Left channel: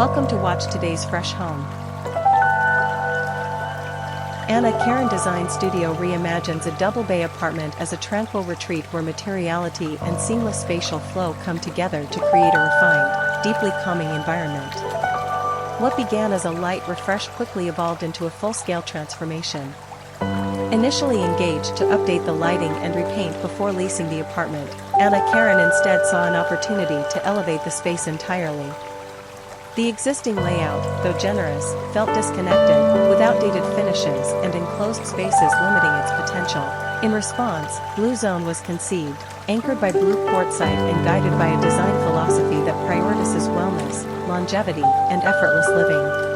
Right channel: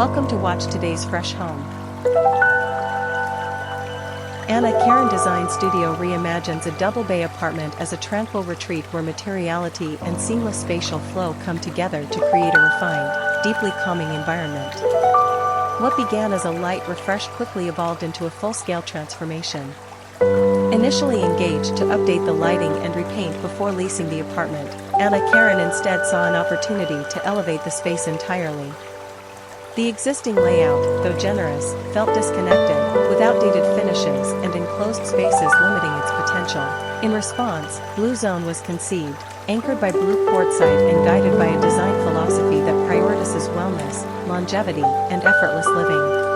Welcome to watch today's fresh home. Anna.Carin Design Studio reimagines a double-bay apartment as a tranquil retreat where materiality and seamless spatial flow come together to create a refined, deeply calming environment. What began as a light refresh quickly evolved into a full-scale transformation. Initially engaged to update the lighting and repaint before leasing the apartment, Anna.Carin instead saw an opportunity to elevate the space entirely. The existing layout, though generous, felt disconnected, with outdated finishes and enclosed spaces limiting its potential. In response, Blue Zone was conceived, anchored by blue quartzite and guided by a design philosophy that prioritizes wellness, longevity, and effortless living.